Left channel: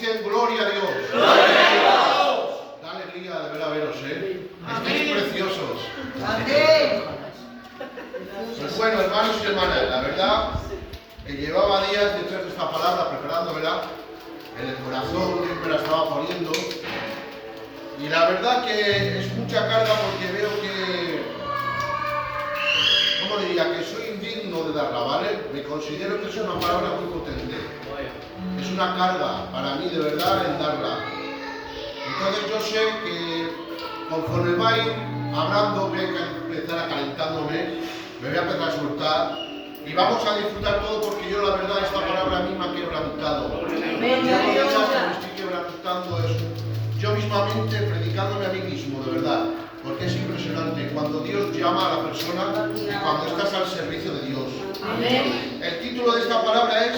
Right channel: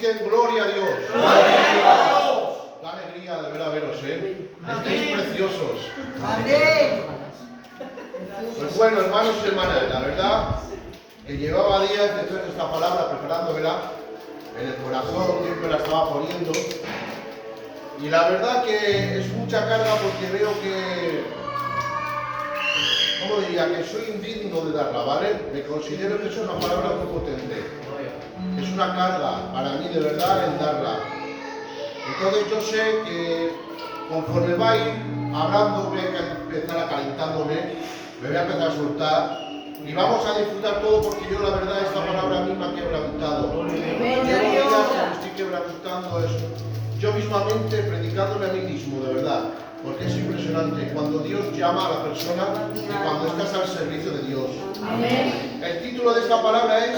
dicen gloria a Dios? ¡Gloria a Dios! Da alegría de ver a veros, Estáis preciosos. Amén. Pues bueno, hermanos y hermanas, la verdad que llevaba días de traer esta palabra preparándomela en el corazón, Dios me la estaba poniendo. Y la verdad que es mucha carga porque veo que, ¿cómo diría? Que soy indigno de darla, ¿vale? Me considero que es una palabra muy potente. Es una carga para mí de verdad en darla. Entonces yo sé que conforme va a ir hablando, voy a empezar calentándome, me voy a empezar a soltar y vamos a disfrutar todo porque yo la verdad esta palabra a mí me ha quebrantado. Me estoy quebrantando eso. Yo mismamente predicándome a mí mismo, de verdad, porque es impresionante cuando Dios llama a la persona y cuando estás al servicio de Dios. Amén. El título de esta palabra es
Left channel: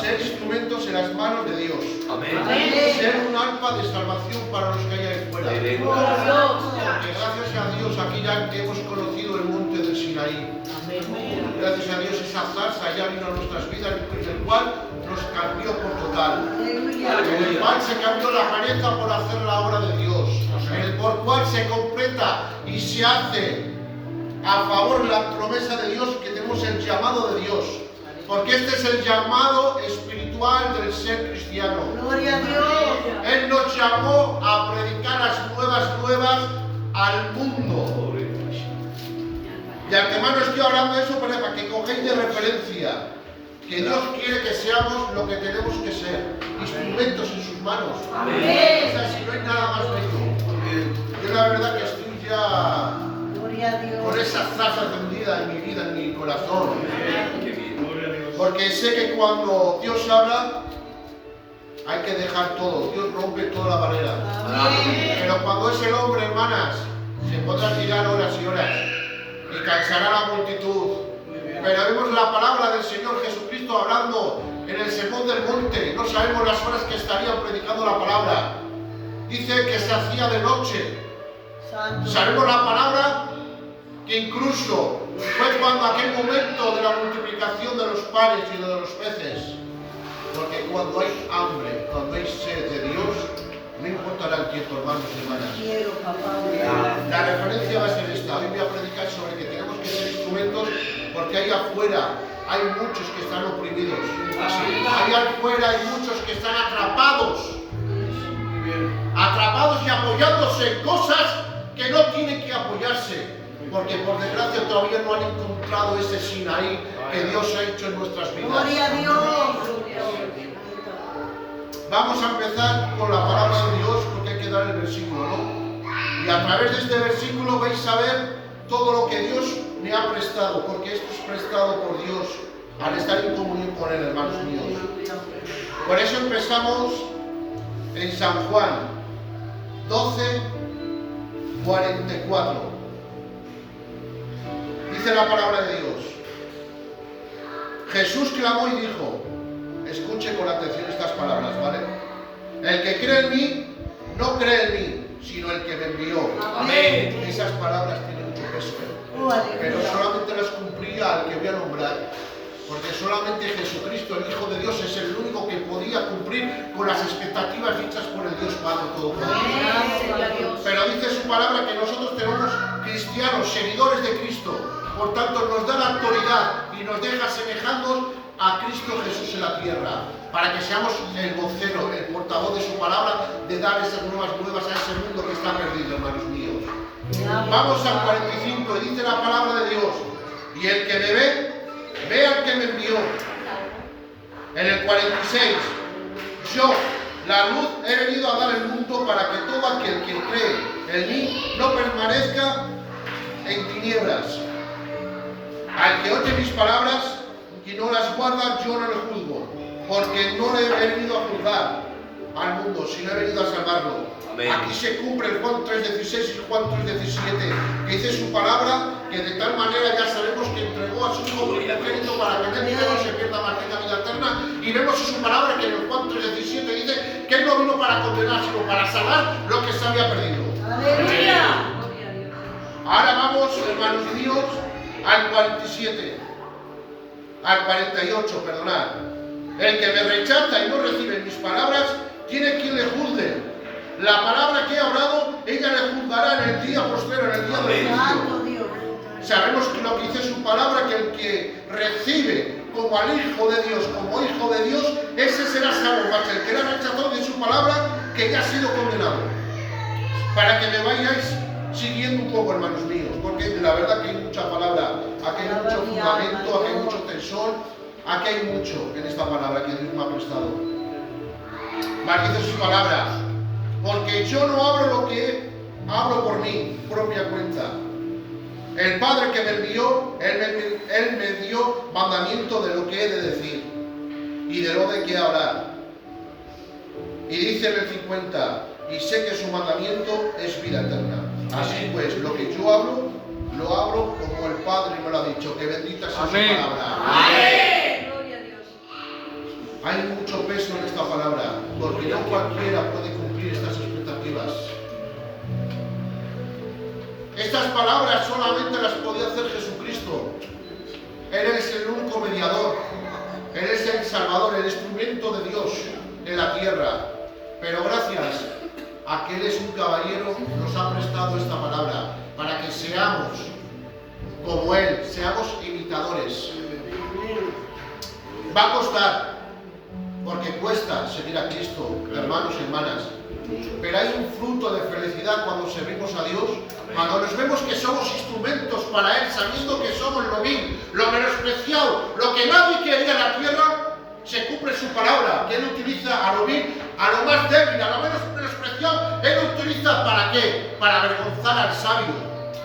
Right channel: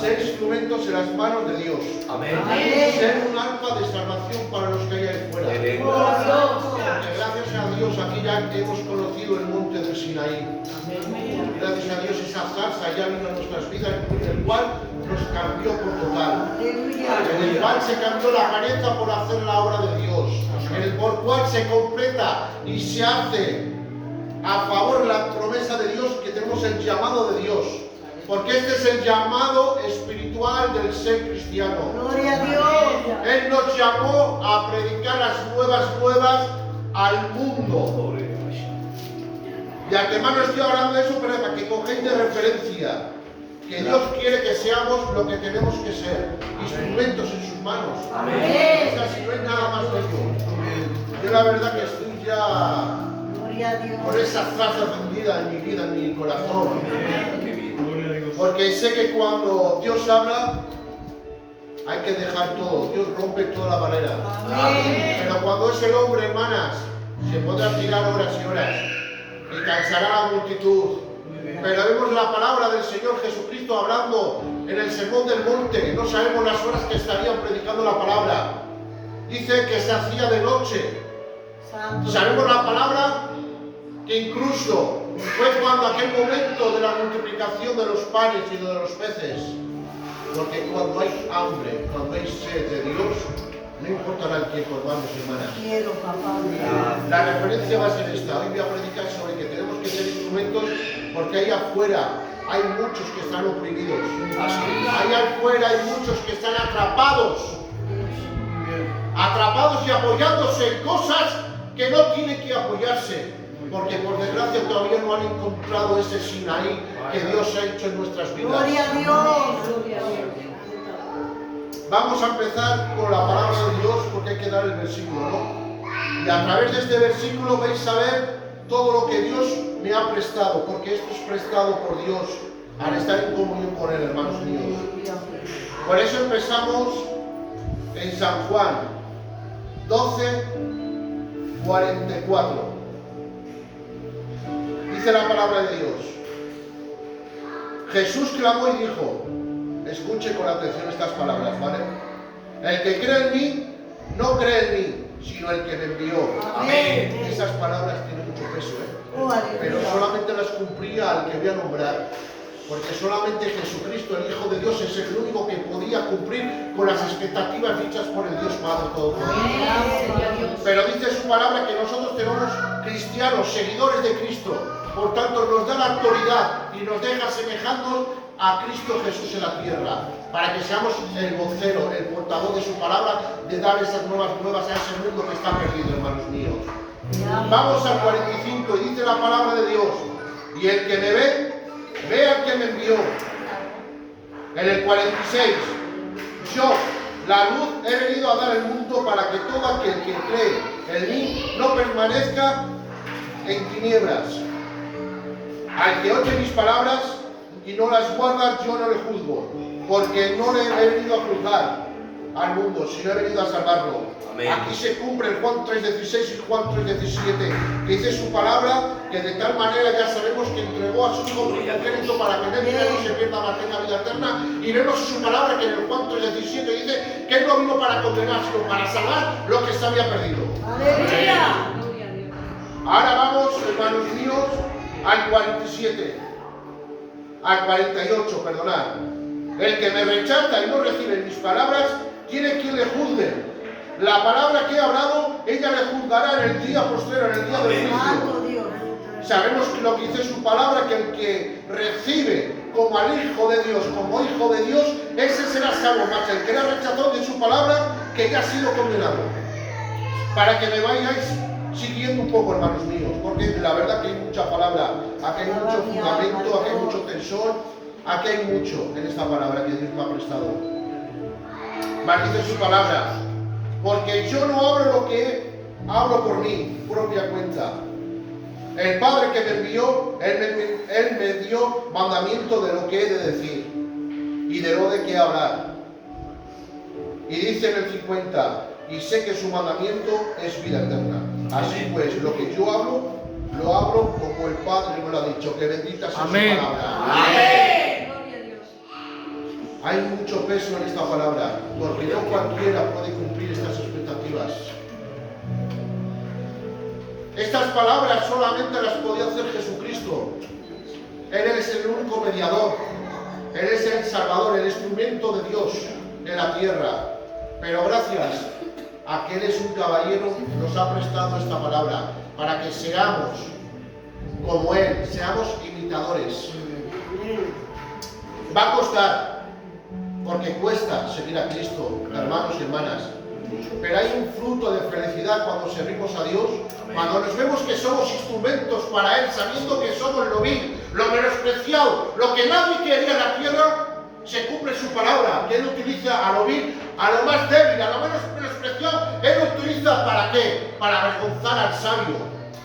ser instrumentos en las manos de Dios. Amén. Ser un arpa de salvación para los que hay ahí fuera. Porque gracias a Dios aquí ya que hemos conocido el monte del Sinaí. Gracias a Dios esa zarza ya vino a nuestras vidas, el cual nos cambió por total. En el cual se cambió la careta por hacer la obra de Dios. En el por cual se completa y se hace a favor la promesa de Dios que tenemos el llamado de Dios. Porque este es el llamado espiritual del ser cristiano. Gloria a Dios. Él nos llamó a predicar las nuevas al mundo. Y antemano estoy hablando de eso para que cogéis de referencia que Dios quiere que seamos lo que tenemos que ser, instrumentos en sus manos. Amén. O sea, si no hay nada más bello. Yo la verdad que estoy ya Gloria a Dios. con esa zarza encendida en mi vida, en mi corazón. Porque sé que cuando Dios habla, hay que dejar todo. Dios rompe toda la barrera. Amén. Pero cuando es el hombre, hermanas, se podrá tirar horas y horas y cansará la multitud. Pero vemos la palabra del Señor Jesucristo hablando en el sermón del monte. No sabemos las horas que estarían predicando la palabra. Dice que se hacía de noche. Santo. Sabemos la palabra que incluso fue cuando aquel momento de la multiplicación de los panes y de los peces. Porque cuando hay hambre, cuando hay sed de Dios, no importará el tiempo, hermanos y hermanas. Quiero, papá. La referencia va a ser esta. Hoy voy a predicar sobre que tenemos que ser instrumentos porque ahí afuera hay muchos que están oprimidos. Ahí afuera hay muchos que están atrapados. Atrapados y apoyándose en cosas que no tienen que apoyarse. Porque por desgracia todavía no han encontrado ese Sinaí que Dios ha hecho en nuestras vidas. Gloria a Dios. Vamos a empezar con la palabra de Dios porque hay que dar el versículo, ¿no? Y a través de este versículo vais a ver todo lo que Dios me ha prestado, porque esto es prestado por Dios al estar en comunión con Él, hermanos míos. Por eso empezamos en San Juan 12:44. Dice la palabra de Dios. Jesús clamó y dijo, escuche con atención estas palabras, ¿vale? El que cree en mí, no cree en mí, sino el que me envió. Amén. Esas palabras tienen mucho peso, Oh, aleluya. pero solamente las cumplía al que voy a nombrar. Porque solamente Jesucristo, el Hijo de Dios, es el único que podía cumplir con las expectativas dichas por el Dios Padre Todopoderoso. Pero dice su palabra que nosotros tenemos cristianos, seguidores de Cristo. Por tanto, nos da la autoridad y nos deja semejarnos a Cristo Jesús en la tierra, para que seamos el vocero, el portavoz de su palabra, de dar esas nuevas a ese mundo que está perdido, hermanos míos. Vamos al 45 y dice la palabra de Dios, y el que me ve al que me envió. En el 46, yo, la luz, he venido a dar el mundo para que todo aquel que cree en mí no permanezca en tinieblas. Al que oye mis palabras y no las guarda, yo no le juzgo, porque no le he venido a juzgar al mundo, sino he venido a salvarlo. Amén. Aquí se cumple el Juan 3:16 y Juan 3:17, que dice su palabra, que de tal manera ya sabemos que entregó a su Hijo unigénito para que nadie no se pierda, mas tenga vida eterna. Y vemos en su palabra que en el Juan 3:17 dice que Él no vino para condenar, sino para salvar lo que se había perdido. Aleluya. Ahora vamos, hermanos míos, al 47, al 48, perdonad. El que me rechaza y no recibe mis palabras, tiene quien le juzgue. La palabra que he hablado, ella le juzgará en el día postrero, en el día del Santo juicio. Dios. Sabemos que lo que dice su palabra, que el que recibe como al Hijo de Dios, como Hijo de Dios, ese será salvo. Mas el que la rechazó de su palabra, que ya ha sido condenado. Para que me vayáis siguiendo un poco, hermanos míos, porque la verdad que hay mucha palabra, aquí hay mucho fundamento, aquí hay mucho tesón, aquí hay mucho en esta palabra que Dios me ha prestado. Mas dice su palabra, porque yo no hablo lo que hablo por mi propia cuenta. El Padre que me envió, Él me dio mandamiento de lo que he de decir y de lo de qué hablar. Y dice en el 50, y sé que su mandamiento es vida eterna. Así pues, lo que yo hablo, lo hablo como el Padre me lo ha dicho. Que bendita sea su palabra. Amén. Gloria a Dios. Hay mucho peso en esta palabra, porque no cualquiera puede cumplir estas expectativas. Estas palabras solamente las podía hacer Jesucristo. Él es el único mediador. Él es el Salvador, el instrumento de Dios de la tierra. Pero gracias a que Él es un caballero, nos ha prestado esta palabra para que seamos como Él, seamos imitadores. Va a costar, porque cuesta seguir a Cristo, hermanos y hermanas. Pero hay un fruto de felicidad cuando servimos a Dios, cuando nos vemos que somos instrumentos para Él, sabiendo que somos lo vil, lo menospreciado, lo que nadie quería en la tierra. Se cumple su palabra, que Él utiliza a lo vil, a lo más débil, a lo menos menospreciado. Él lo utiliza ¿para qué? Para avergonzar al sabio.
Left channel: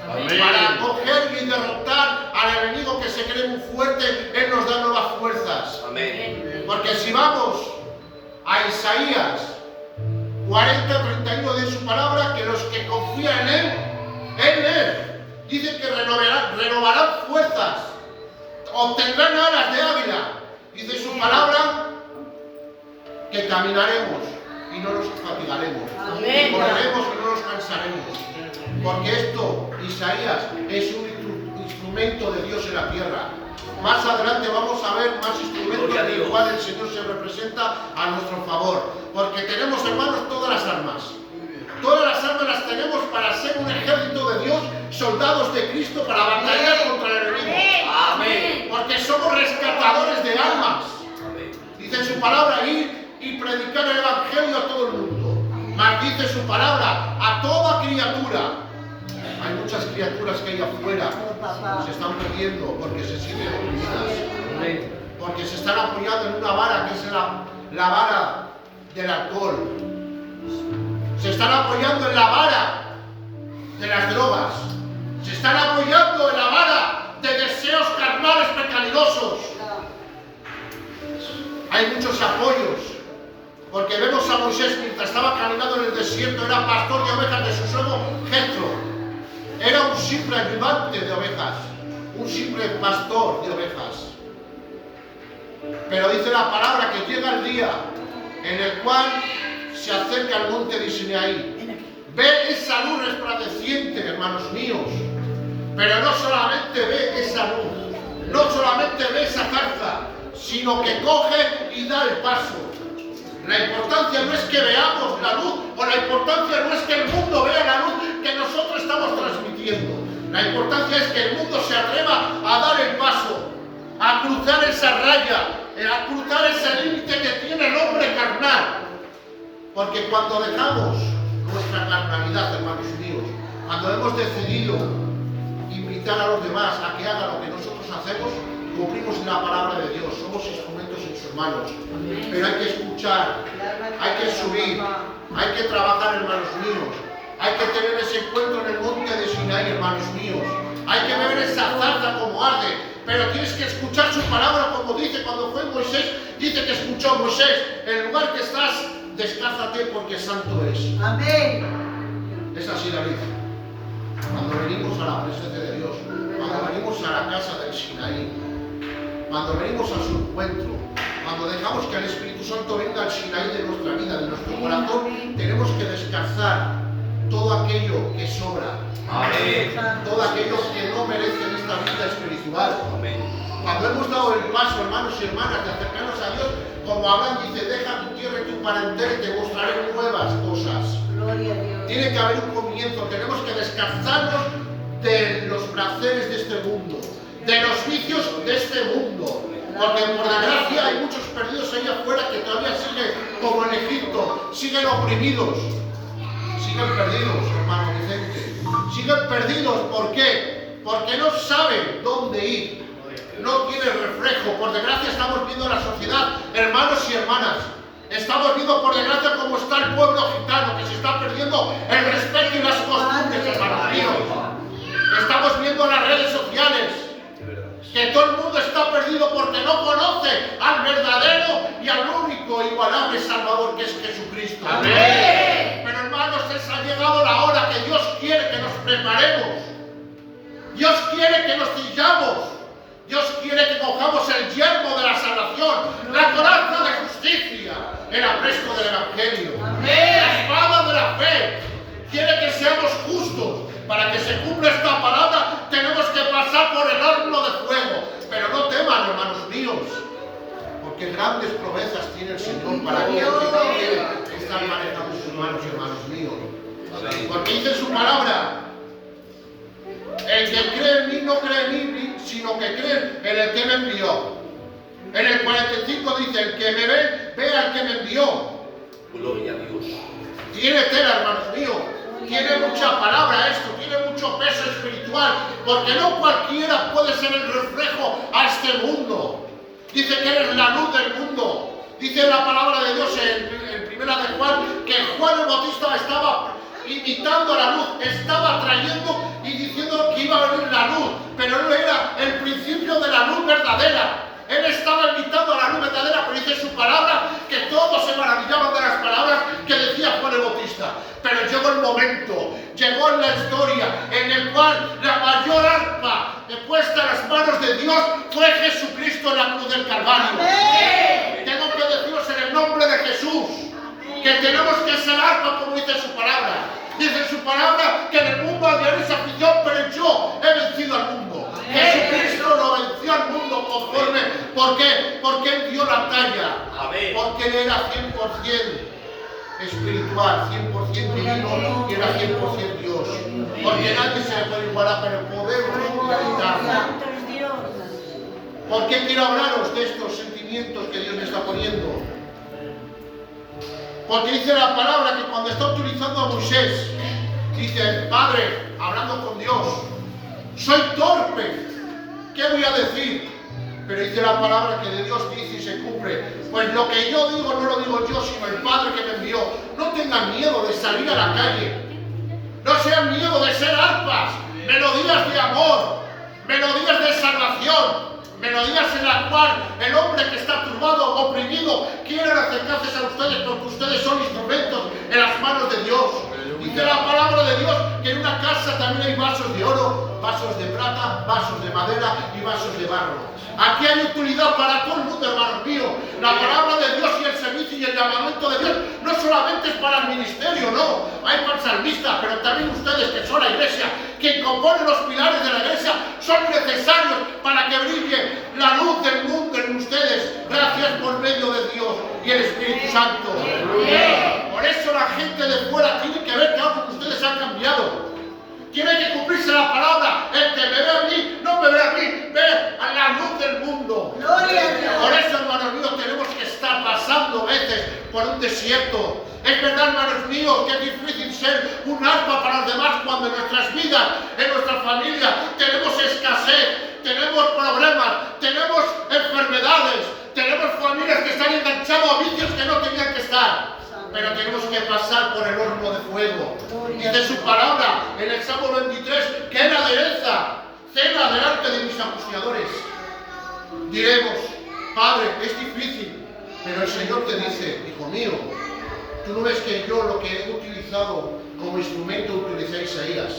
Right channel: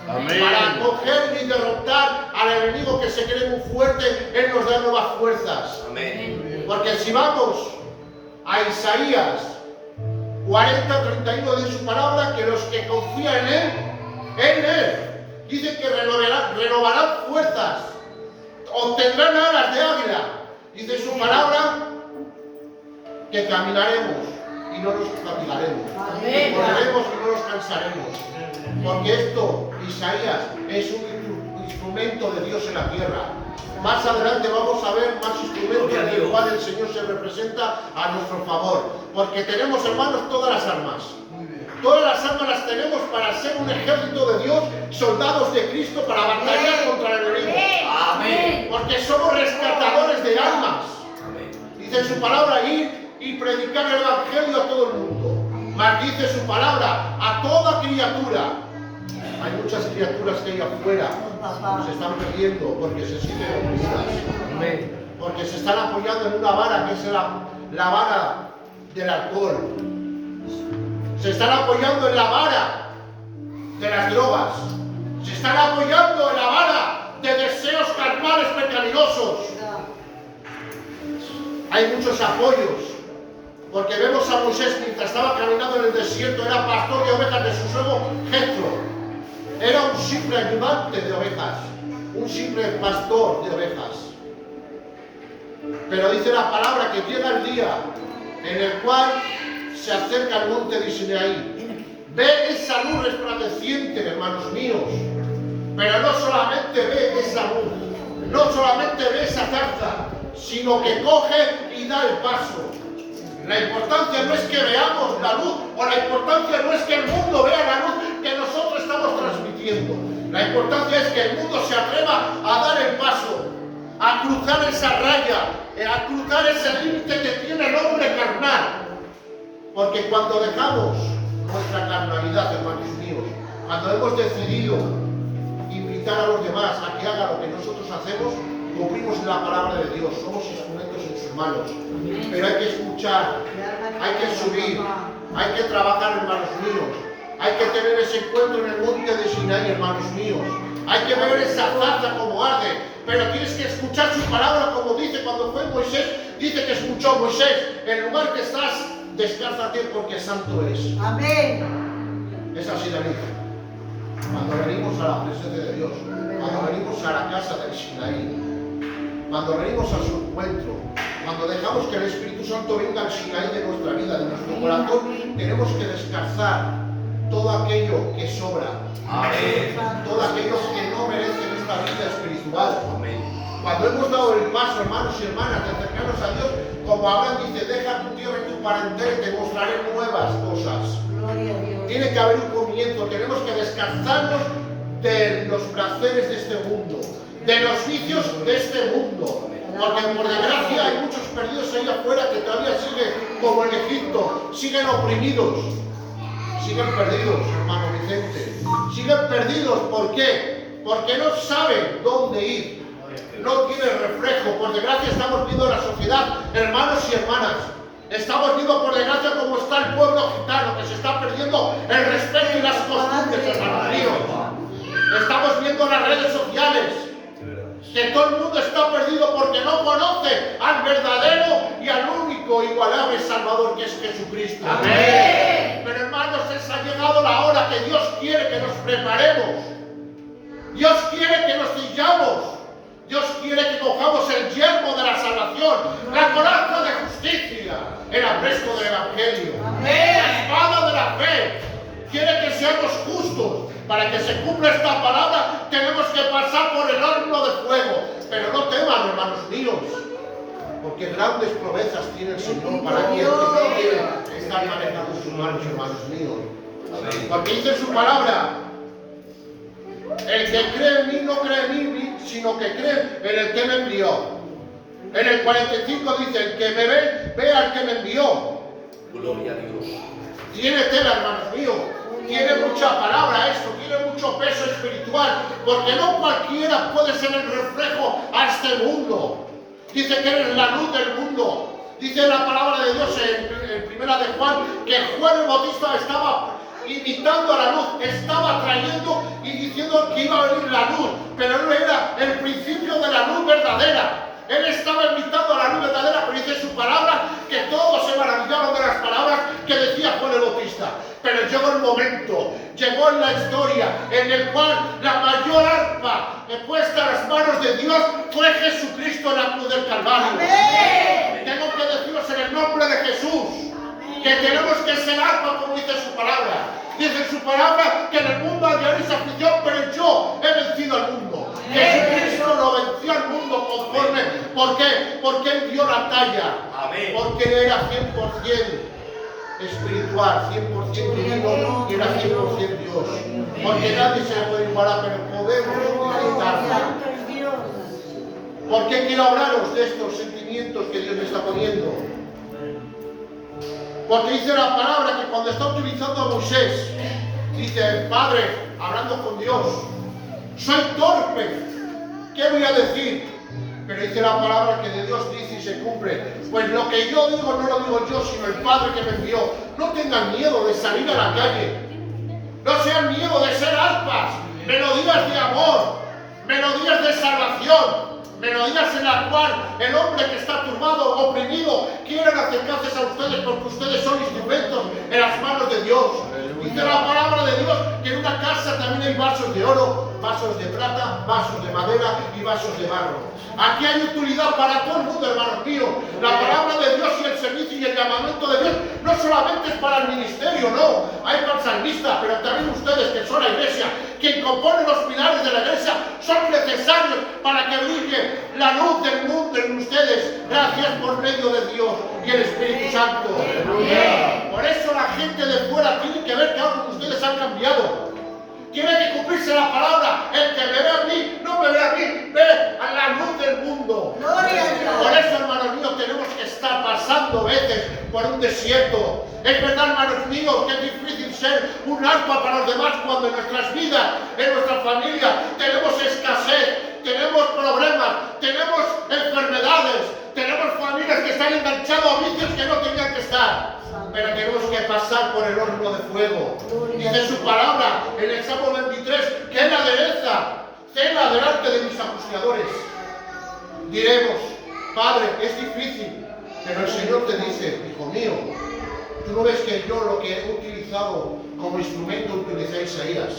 Amén. Para coger y derrotar al enemigo que se cree muy fuerte. Él nos da nuevas fuerzas. Amén. Porque si vamos a Isaías 40:31 de su palabra, que los que confían en Él dice que renovarán fuerzas, obtendrán alas de águila. Dice su palabra que caminaremos y no nos fatigaremos, correremos y no nos cansaremos, porque esto, Isaías, es un instrumento de Dios en la tierra. Más adelante vamos a ver más instrumentos en el cual el Señor se representa a nuestro favor, porque tenemos, hermanos, todas las armas. Todas las armas las tenemos para ser un ejército de Dios, soldados de Cristo, para batallar contra el enemigo. Amén. Porque somos rescatadores de almas. Amén. Dice su palabra, ir y predicar el evangelio a todo el mundo. Mas dice su palabra, a toda criatura. Hay muchas criaturas que hay afuera se están perdiendo porque se sienten oprimidas. Porque se están apoyando en una vara que es la vara del alcohol. Se están apoyando en la vara de las drogas. Se están apoyando en la vara de deseos carnales pecaminosos. Hay muchos apoyos. Porque vemos a Moisés mientras estaba caminando en el desierto, era pastor de ovejas de su suegro Jetro. Era un simple ayudante de ovejas, un simple pastor de ovejas. Pero dice la palabra que llega el día en el cual se acerca al monte de Sinaí. Ve esa luz resplandeciente, hermanos míos. Pero no solamente ve esa luz, no solamente ve esa zarza, sino que coge y da el paso. La importancia no es que veamos la luz, o la importancia no es que el mundo vea la luz que nosotros estamos transmitiendo. La importancia es que el mundo se atreva a dar el paso, a cruzar esa raya, a cruzar ese límite que tiene el hombre carnal. Porque cuando dejamos nuestra carnalidad, hermanos míos, cuando hemos decidido invitar a los demás a que hagan lo que nosotros hacemos, cumplimos la palabra de Dios, somos instrumentos en sus manos. Pero hay que escuchar, hay que subir, hay que trabajar, hermanos míos. Hay que tener ese encuentro en el monte de Sinaí, hermanos míos. Hay que ver esa zarza como arde, pero tienes que escuchar su palabra, como dice cuando fue Moisés. Dice que escuchó Moisés: el lugar que estás, descálzate porque santo es. Amén. Es así, David. Cuando venimos a la presencia de Dios, cuando venimos a la casa del Sinaí, cuando venimos a su encuentro, cuando dejamos que el Espíritu Santo venga al Sinaí de nuestra vida, de nuestro corazón, tenemos que descalzar todo aquello que sobra. Amén. Todo aquello que no merece esta vida espiritual. Amén. Cuando hemos dado el paso, hermanos y hermanas, de acercarnos a Dios, como Abraham dice, deja tu tierra y tu parentela y te mostraré nuevas cosas. Gloria a Dios. Tiene que haber un comienzo, tenemos que descansarnos de los placeres de este mundo, de los vicios de este mundo. Porque por desgracia hay muchos perdidos ahí afuera que todavía siguen como en Egipto, siguen oprimidos, siguen perdidos, hermano Vicente. Siguen perdidos, ¿por qué? Porque no saben dónde ir, no tienen reflejo. Por desgracia estamos viendo la sociedad, hermanos y hermanas. Estamos viendo por desgracia cómo está el pueblo gitano, que se está perdiendo el respeto y las costumbres, hermanos míos. Estamos viendo las redes sociales que todo el mundo está perdido porque no conoce al verdadero y al único igualable Salvador, que es Jesucristo. Amén. Pero hermanos, ha llegado la hora que Dios quiere que nos preparemos. Dios quiere que nos ciñamos. Dios quiere que cojamos el yermo de la salvación, la coraza de justicia, el apresto del Evangelio, la espada de la fe. Quiere que seamos justos. Para que se cumpla esta palabra, tenemos que pasar por el horno de fuego. Pero no teman, hermanos míos, porque grandes promesas tiene el Señor para todos los que quieren estar manejando sus manos, hermanos míos. Porque dice su palabra: el que cree en mí no cree en mí, sino que cree en el que me envió. En el 45 dice: el que me ve al que me envió. Gloria a Dios. Tiene tela, hermanos míos. Tiene mucha palabra esto, tiene mucho peso espiritual, porque no cualquiera puede ser el reflejo a este mundo. Dice que eres la luz del mundo. Dice la palabra de Dios en primera de Juan, que Juan el Bautista estaba invitando a la luz, estaba trayendo y diciendo que iba a venir la luz, pero no era el principio de la luz verdadera. Él estaba invitando a la luz verdadera, pero dice su palabra que todos se maravillaban de las palabras que decía Juan el Bautista. Pero llegó el momento, llegó en la historia en el cual la mayor arpa puesta en las manos de Dios fue Jesucristo en la cruz del Calvario. Amén. Tengo que deciros en el nombre de Jesús que tenemos que ser arpa, como dice su palabra. Dice su palabra que en el mundo hallaréis aflicción, pero yo he vencido al mundo. Jesucristo lo venció al mundo conforme. ¿Por qué? Porque Él dio la talla. Amén. Porque Él era 100% espiritual, 100% divino y era 100% Dios. Porque nadie se le puede igualar, pero podemos imitarlo. ¿Por qué quiero hablaros de estos sentimientos que Dios me está poniendo? Porque dice la palabra que cuando está utilizando a Moisés, dice: Padre, hablando con Dios, soy torpe, ¿qué voy a decir? Pero dice la palabra que de Dios dice y se cumple: pues lo que yo digo no lo digo yo, sino el Padre que me envió. No tengan miedo de salir a la calle, no sean miedo de ser arpas, melodías de amor, melodías de salvación, melodías en la cual el hombre que está turbado, oprimido, quiere acercarse a ustedes porque ustedes son instrumentos en las manos de Dios. Dice la palabra de Dios que en una casa también hay vasos de oro, vasos de plata, vasos de madera y vasos de barro. Aquí hay utilidad para todo el mundo, hermanos míos. La palabra de Dios y el servicio y el llamamiento de Dios no solamente es para el ministerio, no. Hay para el salmista, pero también ustedes que son la iglesia, quien compone los pilares de la iglesia, son necesarios para que brille la luz del mundo en ustedes, gracias por medio de Dios y el Espíritu Santo. Por eso la gente de fuera tiene que ver que algo que ustedes han cambiado. Tiene que cumplirse la palabra: el que me ve a mí, no me ve a mí, ve a la luz del mundo. Gloria a Dios. Por eso, hermanos míos, tenemos que estar pasando veces por un desierto. Es verdad, hermanos míos, que es difícil ser un arpa para los demás cuando en nuestras vidas, en nuestra familia, tenemos escasez, tenemos problemas, tenemos enfermedades, tenemos familias que están enganchadas a vicios que no tenían que estar. Pero tenemos que pasar por el horno de fuego. Dice su palabra en el Salmo 23 que Él adereza cena delante de mis acuciadores. Diremos: Padre, es difícil, pero el Señor te dice: hijo mío, tú no ves que yo lo que he utilizado como instrumento utilicé a Isaías.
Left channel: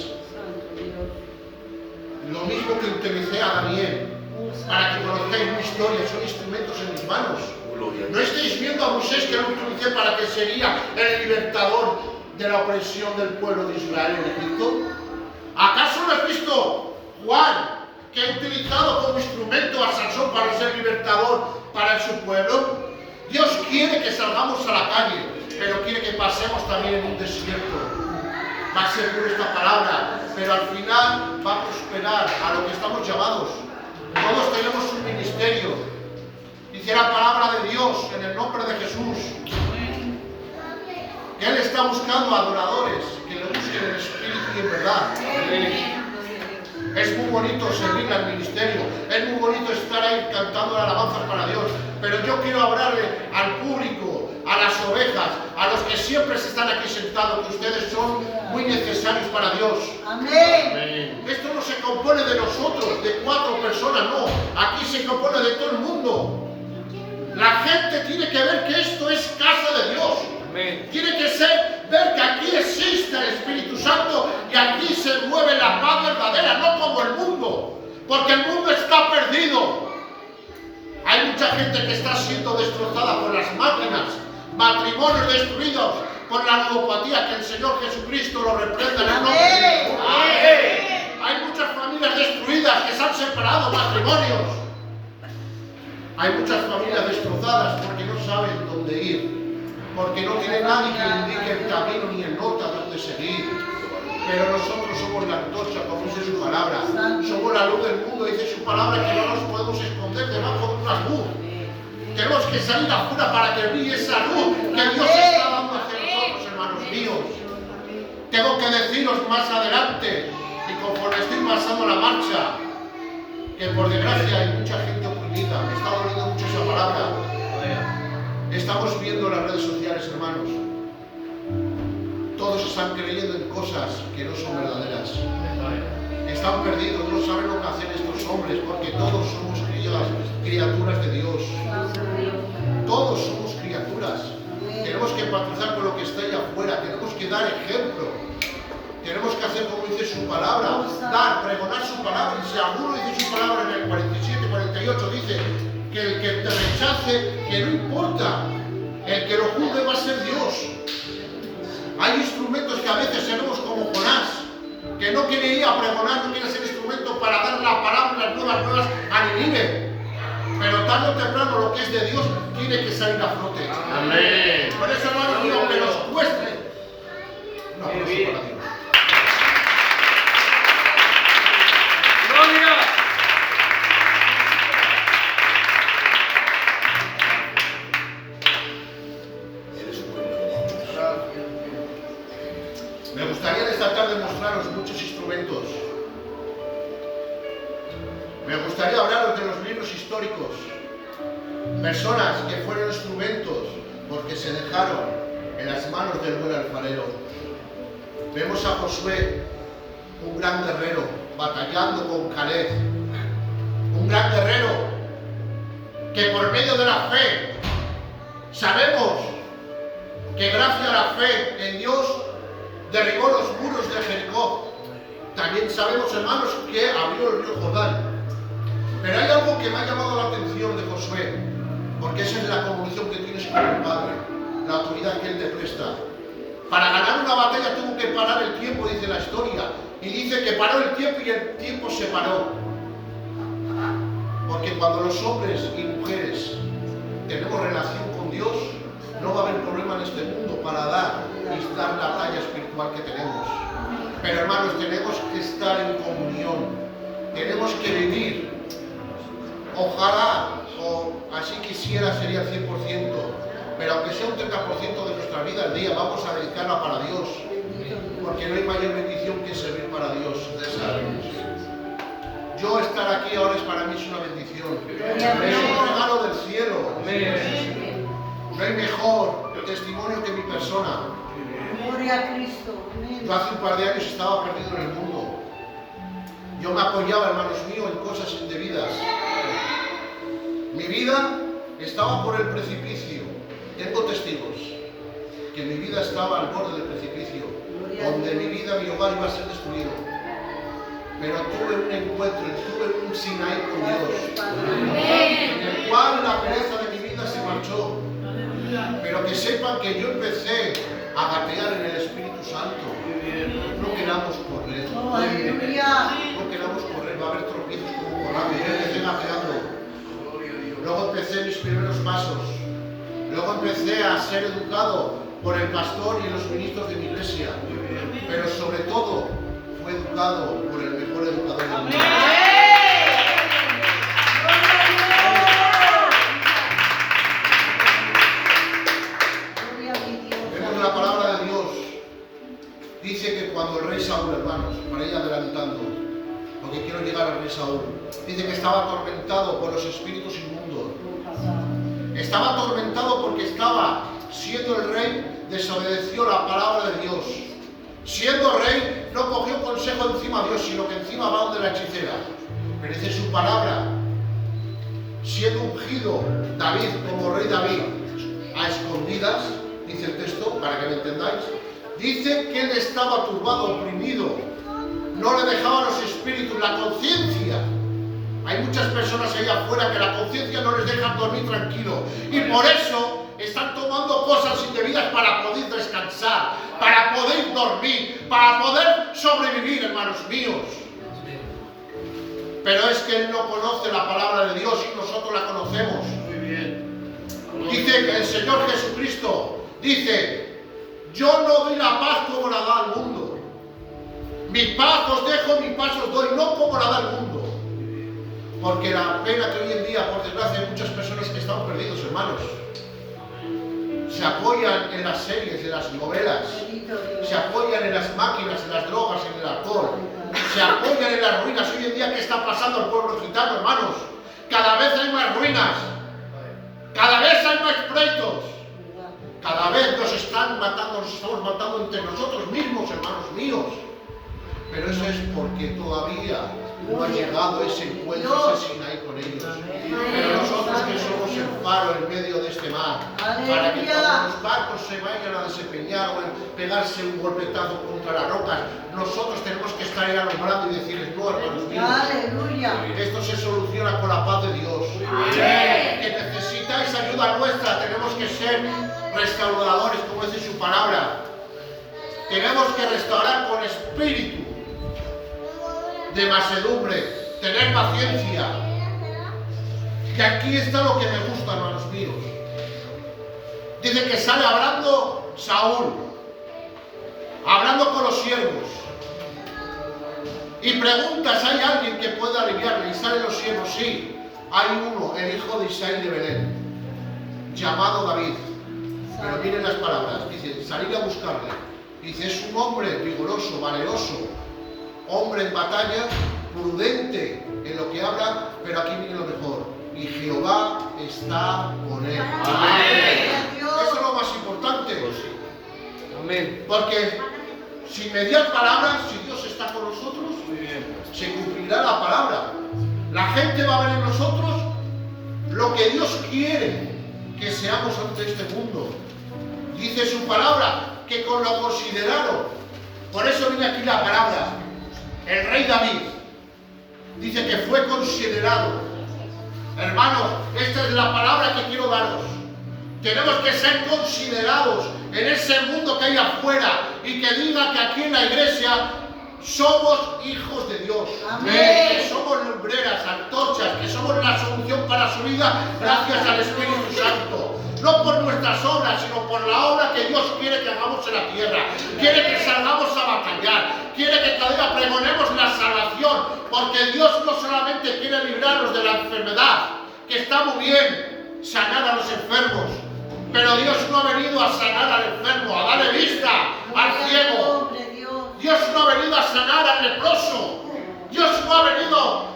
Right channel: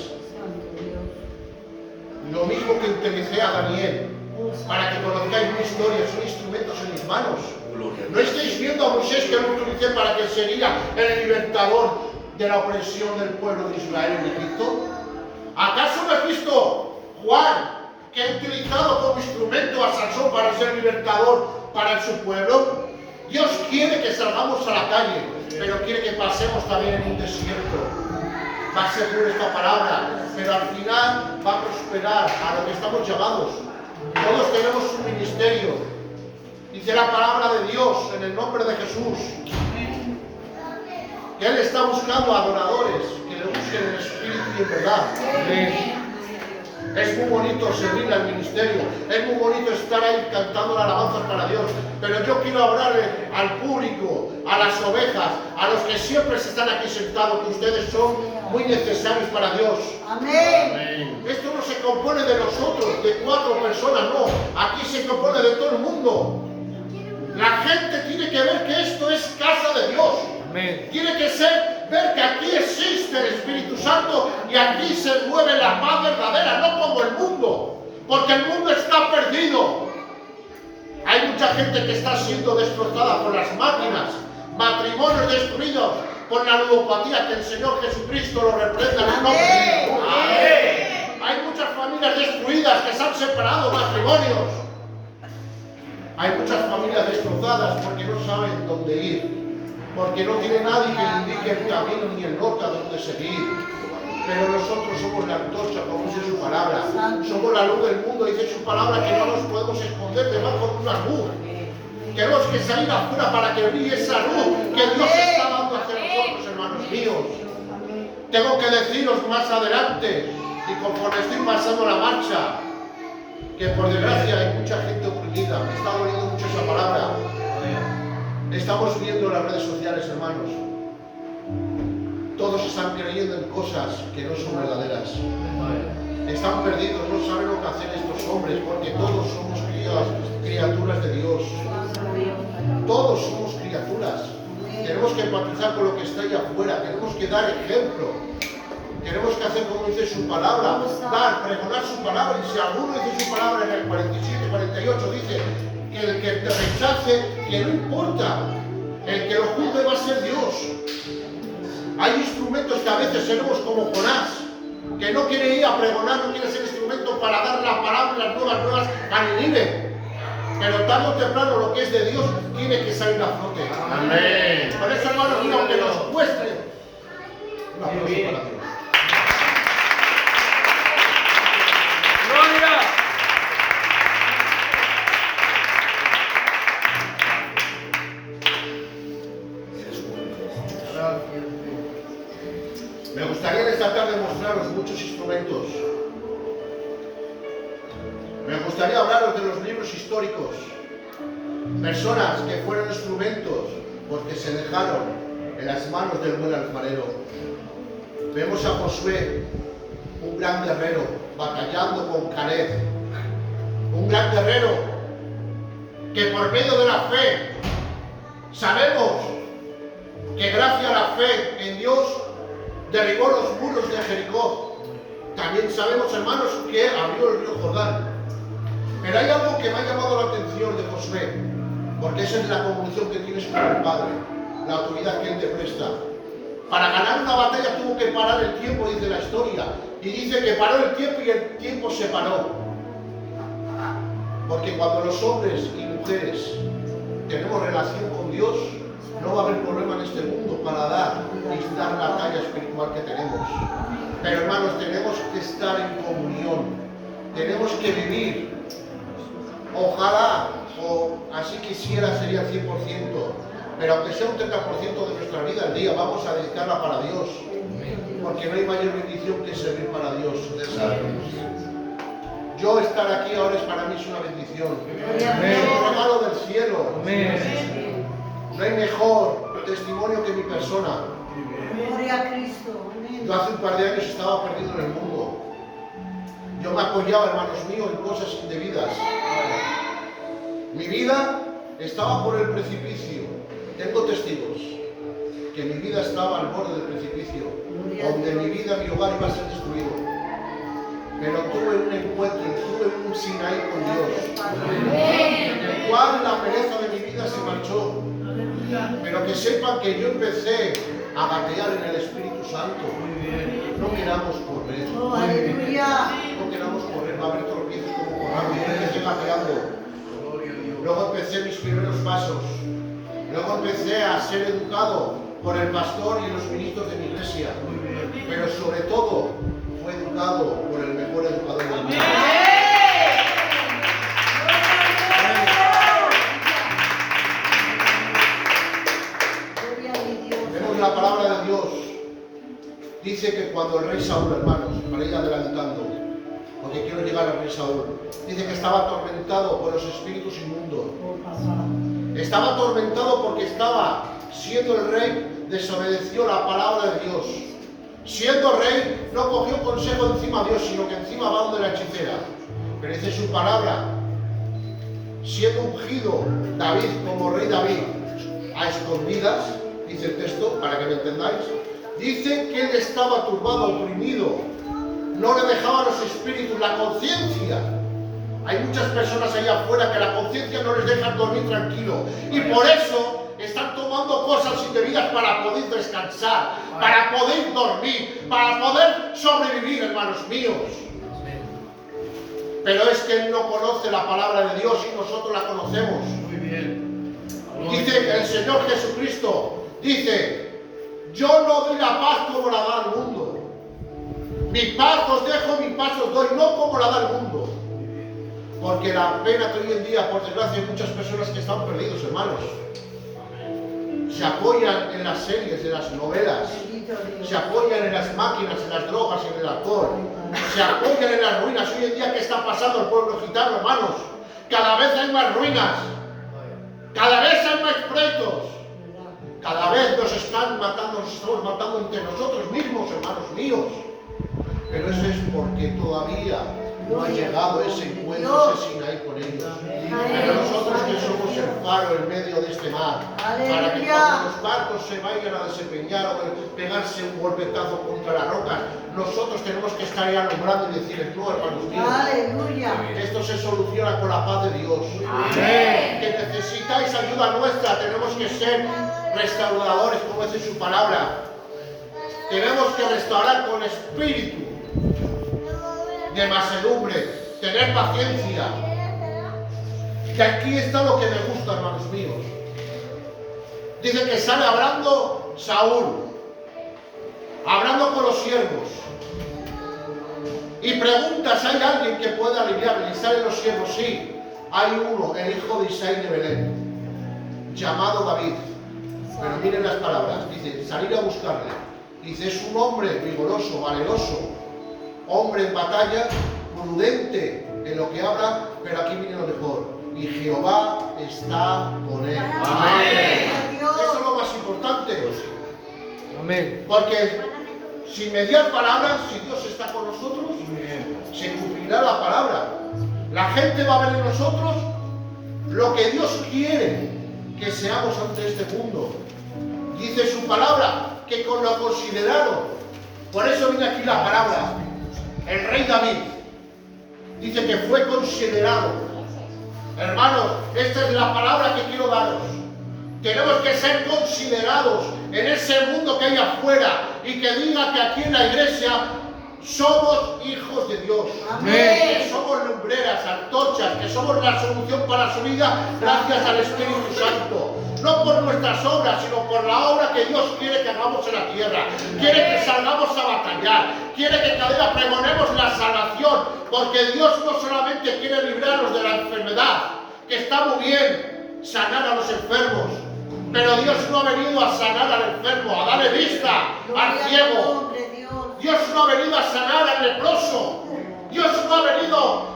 Lo mismo que utilicé a Daniel, para que conozcáis mi historia, son instrumentos en mis manos. ¿No estáis viendo a Moisés que lo utilicé para que sería el libertador de la opresión del pueblo de Israel en Egipto? ¿Acaso no has visto Juan, que ha utilizado como instrumento a Sansón para ser libertador para su pueblo. Dios quiere que salgamos a la calle, pero quiere que pasemos también en un desierto. Va a ser por esta palabra, pero al final va a prosperar a lo que estamos llamados. Todos tenemos un ministerio. Dice la palabra de Dios en el nombre de Jesús que Él está buscando adoradores que le busquen en espíritu y en verdad. Es muy bonito servir al ministerio, es muy bonito estar ahí cantando alabanzas para Dios, pero yo quiero hablarle al público, a las ovejas, a los que siempre se están aquí sentados, que ustedes son muy necesarios para Dios. Amén. Esto no se compone de nosotros, de 4 personas, no, aquí se compone de todo el mundo. La gente tiene que ver que esto es casa de Dios. Tiene que ver que aquí existe el Espíritu Santo y aquí se mueve la paz verdadera, no como el mundo, porque el mundo está perdido. Hay mucha gente que está siendo destrozada por las máquinas, matrimonios destruidos por la ludopatía, que el Señor Jesucristo lo reprenda en el nombre de Jesús. Amén. Hay muchas familias destruidas que se han separado, matrimonios. Hay muchas familias destrozadas porque no saben dónde ir, porque no tiene nadie que le indique el camino ni el norte a dónde seguir. Pero nosotros somos la antorcha, como dice su palabra. Somos la luz del mundo, dice su palabra, que no nos podemos esconder debajo de una luz. Tenemos que salir afuera para que brille esa luz que Dios está dando hacia nosotros, hermanos míos. Tengo que deciros más adelante, y conforme estoy pasando la marcha, que por desgracia hay mucha gente oprimida. Me está doliendo mucho esa palabra. Estamos viendo las redes sociales, hermanos. Todos están creyendo en cosas que no son verdaderas. Están perdidos, no saben lo que hacen estos hombres, porque todos somos criaturas de Dios. Todos somos criaturas. Tenemos que empatizar con lo que está allá afuera. Tenemos que dar ejemplo. Tenemos que hacer como dice su palabra, pregonar su palabra. Y si alguno dice su palabra en el 47, 48, dice que el que te rechace, que no importa, el que lo juzgue va a ser Dios. Hay instrumentos que a veces seremos como Jonás, que no quiere ir a pregonar, no quiere ser instrumento para dar la palabra y las nuevas a Nínive. Pero tarde o temprano lo que es de Dios tiene que salir a flote. Amén. Por eso, hermanos míos, aunque nos cueste, un aplauso para Dios. Me gustaría esta tarde mostraros muchos instrumentos. Me gustaría hablaros de los libros históricos. Personas que fueron instrumentos porque se dejaron en las manos del buen alfarero. Vemos a Josué, un gran guerrero, batallando con Caleb. Un gran guerrero que por medio de la fe sabemos que gracias a la fe en Dios derribó los muros de Jericó. También sabemos, hermanos, que abrió el río Jordán. Pero hay algo que me ha llamado la atención de Josué, porque esa es la comunión que tienes con el Padre, la autoridad que Él te presta. Para ganar una batalla tuvo que parar el tiempo, dice la historia, y dice que paró el tiempo y el tiempo se paró. Porque cuando los hombres y mujeres tenemos relación con Dios, no va a haber problema en este mundo para dar la talla espiritual que tenemos. Pero hermanos, tenemos que estar en comunión, tenemos que vivir. Ojalá, o así quisiera, sería 100%, pero aunque sea un 30% de nuestra vida al día, vamos a dedicarla para Dios, porque no hay mayor bendición que servir para Dios. Yo estar aquí ahora es para mí es una bendición, es un regalo del cielo. No hay mejor testimonio que mi persona. Gloria a Cristo. Yo hace un par de años estaba perdido en el mundo. Yo me apoyaba, hermanos míos, en cosas indebidas. Mi vida estaba por el precipicio. Tengo testigos que mi vida estaba al borde del precipicio, donde mi vida, mi hogar iba a ser destruido. Pero tuve un encuentro, tuve un Sinaí con Dios, en el cual la pereza de mi vida se marchó. Pero que sepan que yo empecé a gatear en el Espíritu Santo. No queramos correr. Aleluya. No queramos correr, va a haber tropiezos como pasos. Luego empecé a ser educado por el pastor y los ministros de mi iglesia. Pero sobre todo, fue educado por el mejor educador del mundo. Vemos la palabra de Dios. Dice que cuando el rey Saúl, hermanos, para ir adelantando, porque quiero llegar al rey Saúl, dice que estaba atormentado por los espíritus inmundos. Estaba atormentado porque estaba, siendo el rey, desobedeció la palabra de Dios. Siendo rey, no cogió consejo encima de Dios, sino que encima va donde la hechicera. Pero dice su palabra, siendo ungido David como rey David, a escondidas, dice el texto, para que lo entendáis, dice que él estaba turbado, oprimido, no le dejaban los espíritus, la conciencia. Hay muchas personas ahí afuera que la conciencia no les deja dormir tranquilo y por eso están tomando cosas indebidas para poder descansar, para poder dormir, para poder sobrevivir, hermanos míos. Pero es que él no conoce la palabra de Dios y nosotros la conocemos. Muy bien. Dice que el Señor Jesucristo dice: yo no doy la paz como la da el mundo. Mi paz os dejo, mi paz os doy, no como la da el mundo. Porque la pena que hoy en día, por desgracia, hay muchas personas que están perdidos, hermanos. Se apoyan en las series, en las novelas, se apoyan en las máquinas, en las drogas, en el alcohol, se apoyan en las ruinas. Hoy en día, ¿qué está pasando al pueblo gitano, hermanos? Cada vez hay más ruinas, cada vez hay más pleitos, cada vez nos están matando, nos estamos matando entre nosotros mismos, hermanos míos. Pero eso es porque todavía no ha llegado ese encuentro, ese Sinaí con ellos. Pero nosotros que somos el faro en medio de este mar, para que cuando los barcos se vayan a desempeñar o pegarse un golpetazo contra las rocas, nosotros tenemos que estar ahí alumbrando y decirles: no, hermanos míos, esto se soluciona con la paz de Dios. Que necesitáis ayuda nuestra, tenemos que ser restauradores, como dice su palabra. Tenemos que restaurar con espíritu de mansedumbre, tener paciencia. Que aquí está lo que me gusta, hermanos míos. Dice que sale hablando Saúl, hablando con los siervos, y pregunta si hay alguien que pueda aliviarle, y salen los siervos: sí, hay uno, el hijo de Isaí de Belén, llamado David. Pero miren las palabras, dice: salir a buscarle. Dice: es un hombre vigoroso, valeroso, hombre en batalla, prudente en lo que habla, pero aquí viene lo mejor: y Jehová está con él. Amén. Eso es lo más importante. Amén. Porque sin mediar palabras, si Dios está con nosotros, se cumplirá la palabra. La gente va a ver en nosotros lo que Dios quiere que seamos ante este mundo. Dice su palabra que con lo considerado, por eso viene aquí la palabra, el rey David dice que fue considerado. Hermanos, esta es la palabra que quiero daros. Tenemos que ser considerados en ese mundo que hay afuera y que diga que aquí en la iglesia somos hijos de Dios. Amén. Que somos lumbreras, antorchas, que somos la solución para su vida gracias al Espíritu Santo. No por nuestras obras, sino por la obra que Dios quiere que hagamos en la tierra. Quiere que salgamos a batallar. Quiere que cada día pregonemos la salvación. Porque Dios no solamente quiere librarnos de la enfermedad, que está muy bien sanar a los enfermos, pero Dios no ha venido a sanar al enfermo, a darle vista al ciego. Dios no ha venido a sanar al leproso. Dios no ha venido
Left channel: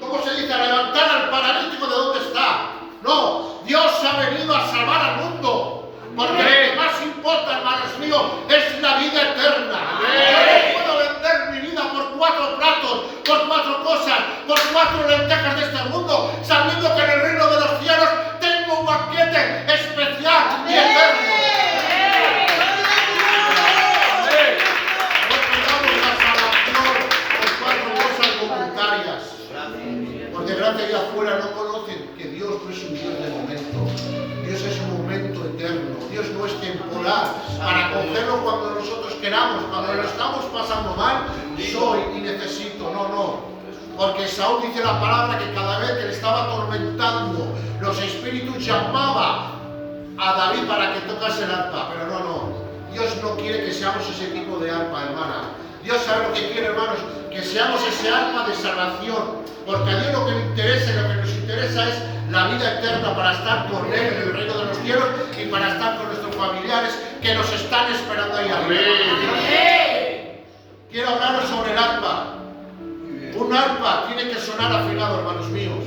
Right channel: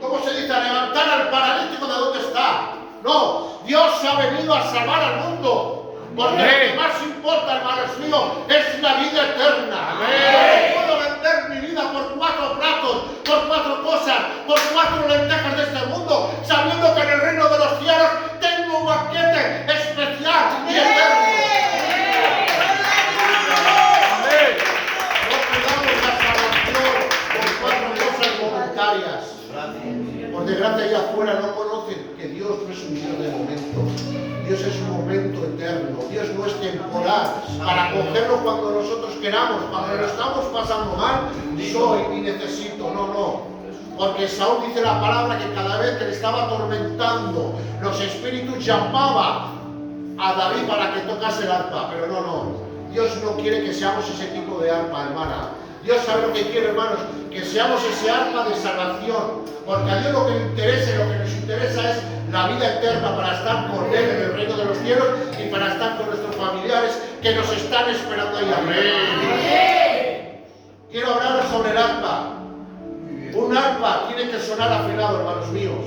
¿cómo se dice?, a levantar al paralítico de donde está. No, Dios ha venido a salvar al mundo. Porque lo que más importa, hermanos míos, es la vida eterna. No puedo vender mi vida por 4 platos, por 4 cosas, por 4 lentejas de este mundo, sabiendo que en el reino de los cielos tengo un banquete especial y eterno. Por desgracia, allá afuera no conocen que Dios no es un Dios de momento. Dios es un momento eterno. Dios no es temporal para cogerlo cuando nosotros queramos. Cuando lo estamos pasando mal, soy y necesito. No, no. Porque Saúl dice la palabra que cada vez que le estaba atormentando, los espíritus llamaba a David para que tocase el arpa. Pero no. Dios no quiere que seamos ese tipo de arpa, hermana. Dios sabe lo que quiere, hermanos, que seamos ese arpa de salvación. Porque a Dios lo que le interesa y lo que nos interesa es la vida eterna para estar con Él en el reino de los cielos y para estar con nuestros familiares que nos están esperando ahí arriba. Quiero hablar sobre el arpa. Un arpa tiene que sonar afinado, hermanos míos.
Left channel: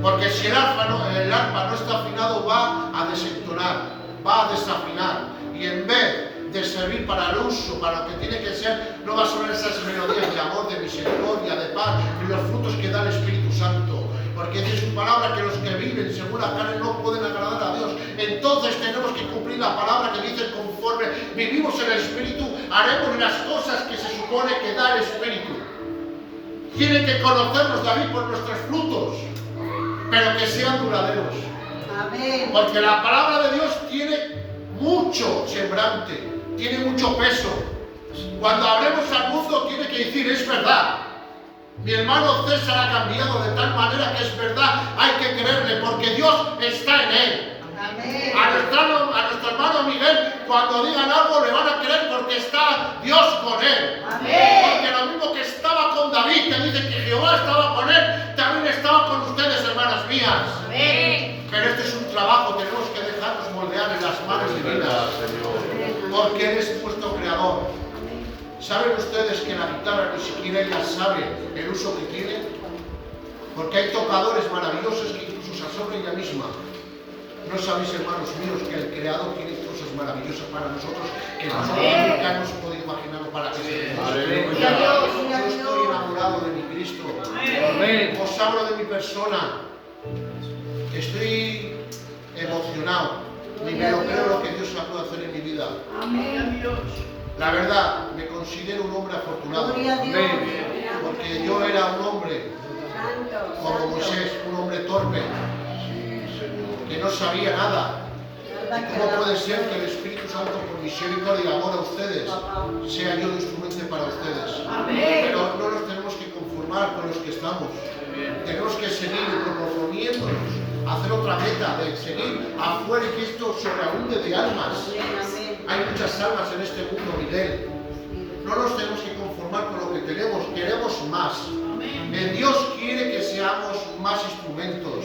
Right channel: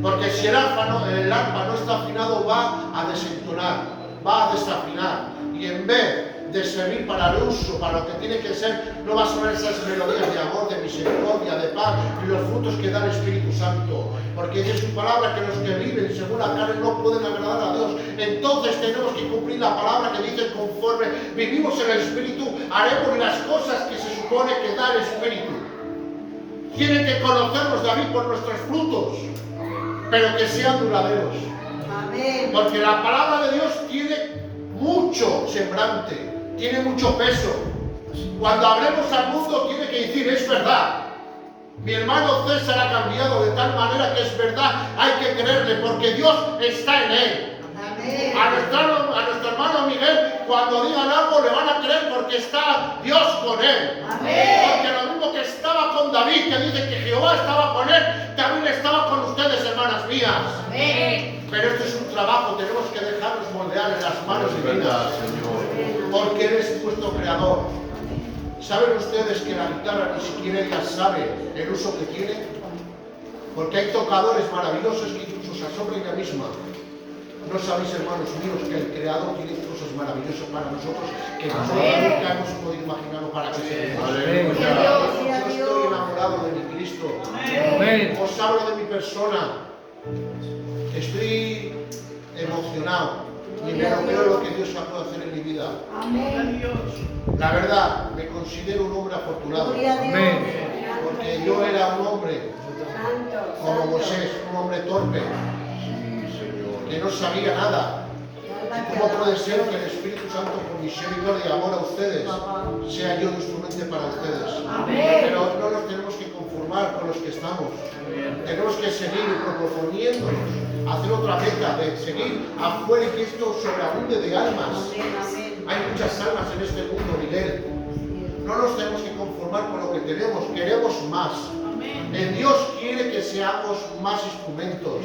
Porque si el arpa no está afinado, va a desentonar, va a desafinar. Y en vez de servir para el uso, para lo que tiene que ser, no va a sonar esas melodías de amor, de misericordia, de paz y los frutos que da el Espíritu Santo. Porque dice su palabra que los que viven según la carne no pueden agradar a Dios. Entonces tenemos que cumplir la palabra que dice: conforme vivimos en el Espíritu, haremos las cosas que se supone que da el Espíritu. Tiene que conocernos, David, por nuestros frutos, pero que sean duraderos. Amén. Porque la palabra de Dios tiene mucho sembrante, tiene mucho peso. Cuando hablemos al mundo, tiene que decir: es verdad. Mi hermano César ha cambiado de tal manera que es verdad, hay que creerle, porque Dios está en él. Amén. A nuestro hermano Miguel, cuando digan algo, le van a creer porque está Dios con él. Amén. Porque lo mismo que estaba con David, que dice que Jehová estaba con él, también estaba con ustedes, hermanas mías. Amén. Pero este es un trabajo, tenemos que dejarnos moldear en las manos divinas, porque Él es nuestro creador. ¿Saben ustedes que la guitarra ni siquiera ella sabe el uso que tiene? Porque hay tocadores maravillosos que incluso se asombran ella misma. ¿No sabéis, hermanos míos, que el Creador tiene cosas maravillosas para nosotros que nosotros nunca hemos podido imaginarlo para que se Yo estoy enamorado de mi Cristo. Os hablo de mi persona. Estoy emocionado. Ni me lo creo lo que Dios puede hacer en mi vida. Amén. La verdad, me considero un hombre afortunado. Gloria a Dios. Porque yo era un hombre como Moisés, un hombre torpe, que no sabía nada. ¿Cómo puede ser que el Espíritu Santo, por misericordia y amor a ustedes, sea yo un instrumento para ustedes? Pero no nos tenemos que conformar con los que estamos. Tenemos que seguir proponiéndonos, hacer otra meta, de seguir afuera y que esto sobreabunde de almas. Hay muchas almas en este mundo, Miguel. No nos tenemos que conformar con lo que tenemos, queremos más. El Dios quiere que seamos más instrumentos.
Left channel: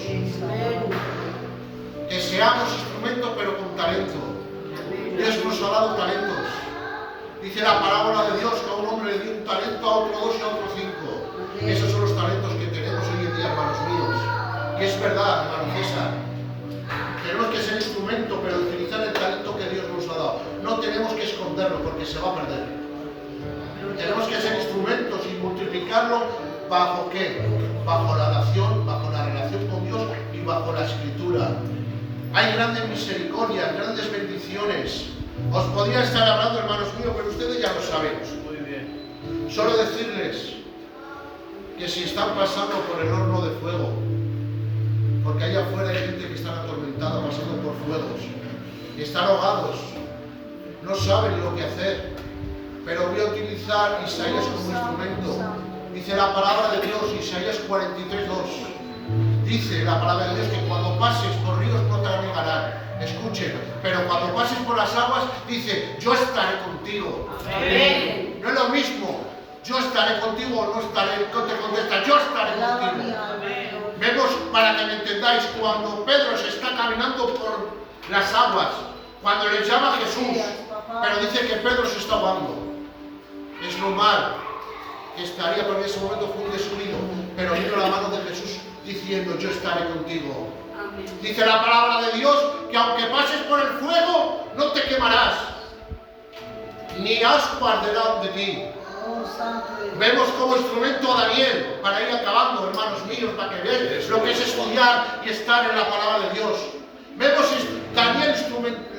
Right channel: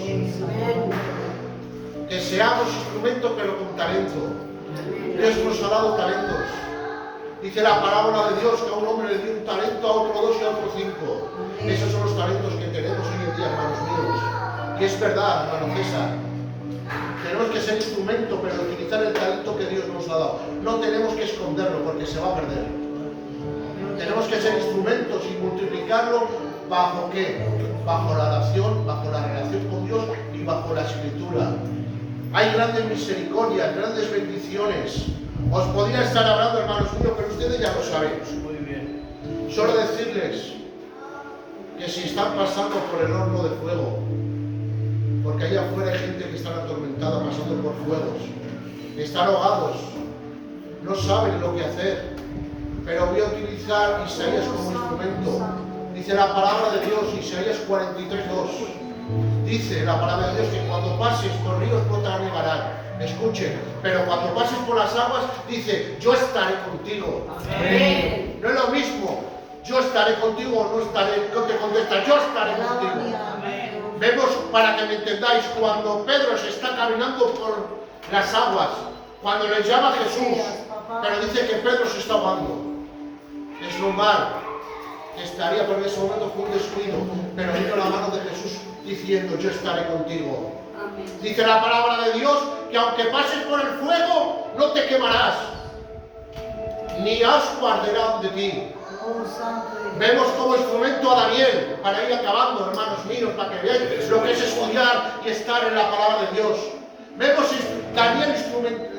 Que seamos instrumentos pero con talento. Dios nos ha dado talentos. Dice la parábola de Dios que a un hombre le dio un talento, a otro 2 y a otro 5. Esos son los talentos que tenemos hoy en día, hermanos míos. Y es verdad, hermano César. Tenemos que ser instrumento, pero utilizar el talento que Dios nos ha dado. No tenemos que esconderlo porque se va a perder. Tenemos que ser instrumentos y multiplicarlo ¿bajo qué? Bajo la oración, bajo la relación con Dios y bajo la Escritura. Hay grandes misericordias, grandes bendiciones. Os podría estar hablando, hermanos míos, pero ustedes ya lo saben. Solo decirles que si están pasando por el horno de fuego, porque allá afuera hay gente que está atormentada pasando por fuegos, están ahogados, no saben lo que hacer, pero voy a utilizar Isaías como instrumento. Dice la palabra de Dios, Isaías 43:2. Dice la palabra de Dios que cuando pases por ríos no te anegarán. Escuchen, pero cuando pases por las aguas, dice: yo estaré contigo. Amén. No es lo mismo, yo estaré contigo, no te contesta, yo estaré contigo. Vemos, para que me entendáis, cuando Pedro se está caminando por las aguas, cuando le llama a Jesús, pero dice que Pedro se está ahogando. Es normal que estaría, porque en ese momento fue un descuido, pero vino la mano de Jesús diciendo: yo estaré contigo. Dice la palabra de Dios que aunque pases por el fuego, no te quemarás, ni ascua arderá de ti. Vemos como instrumento a Daniel, para ir acabando, hermanos míos, para que veáis lo que es estudiar y estar en la palabra de Dios. Vemos Daniel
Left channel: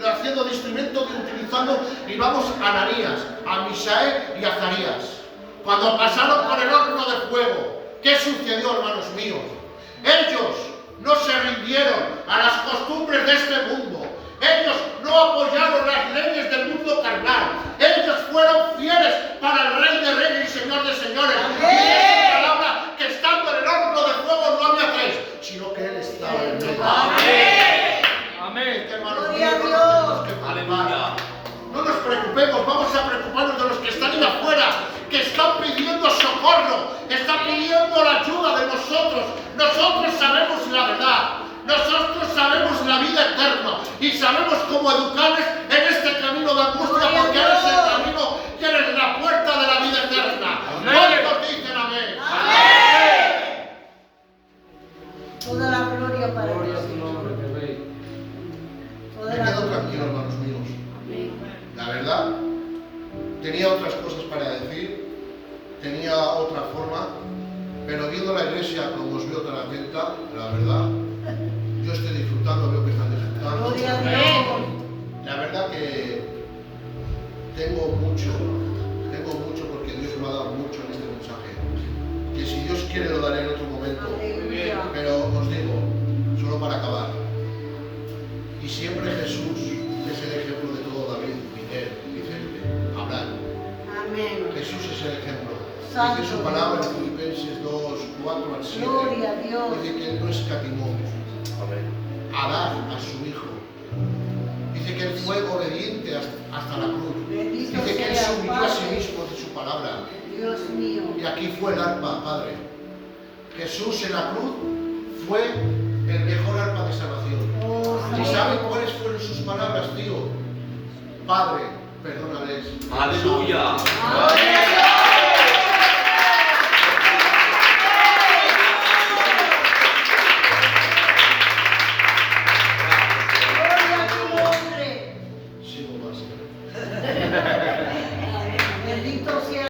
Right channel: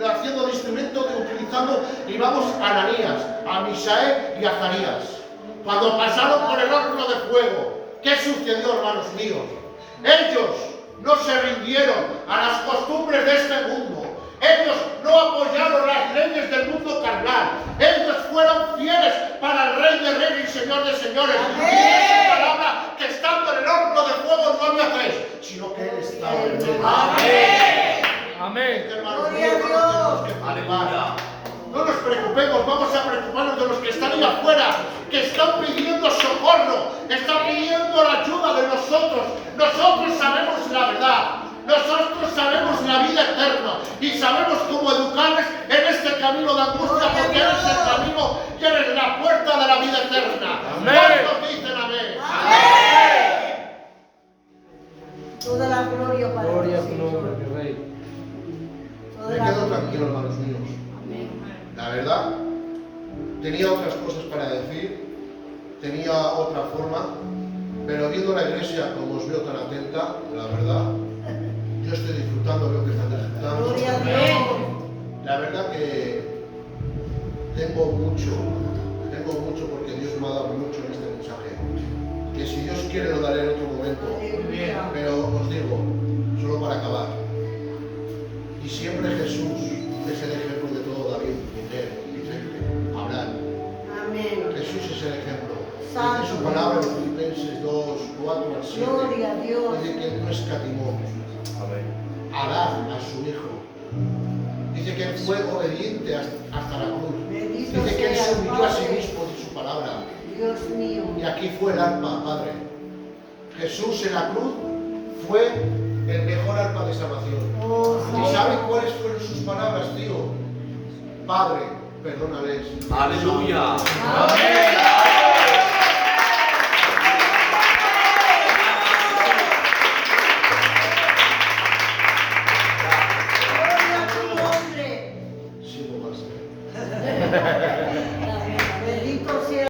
haciendo de instrumento, utilizando, y vamos a Ananías, a Misael y a Azarías. Cuando pasaron por el horno de fuego, ¿qué sucedió, hermanos míos? Ellos no se rindieron a las costumbres de este mundo. Ellos no apoyaron las leyes del mundo carnal. Ellos fueron fieles para el Rey de Reyes y Señor de Señores. Dice su preocupemos, vamos a preocuparnos de los que están ahí afuera, que están pidiendo socorro, están pidiendo la ayuda de nosotros. Nosotros sabemos la verdad, nosotros sabemos la vida eterna y sabemos cómo educarles en este camino de angustia, porque eres el camino y eres la puerta de la vida eterna. ¿Cuántos dicen amén? Toda la gloria para Gloria a Dios. tu nombre, mi Rey. Toda Me la quedo gloria. tranquilo, hermanos míos. La verdad, tenía otras cosas para decir, tenía otra forma, pero viendo la iglesia como os veo tan atenta, la verdad, yo estoy disfrutando, veo que están disfrutando. Gloria a Dios. La verdad que tengo mucho porque Dios me ha dado mucho en este mensaje. Que si Dios quiere lo daré en otro momento. Aleluya. Pero os digo, solo para acabar, y siempre Jesús es el ejemplo de todo David, Miguel, Vicente, Abraham. Amén. Jesús es el ejemplo. Santo. Dice su palabra en Filipenses 2, 4 al 7. Gloria a Dios. Dice que Él no escatimó a dar a su Hijo. Dice que Él fue obediente hasta la cruz. Bendito Dice que Él se sea el humilló a sí Padre. mismo de su palabra. Dios mío. Y aquí fue el arpa, Padre. Jesús en la cruz fue el mejor arpa de salvación. Oh, ¿Y Señor. saben cuáles fueron sus palabras, tío? Padre, perdónales. Aleluya. Amén.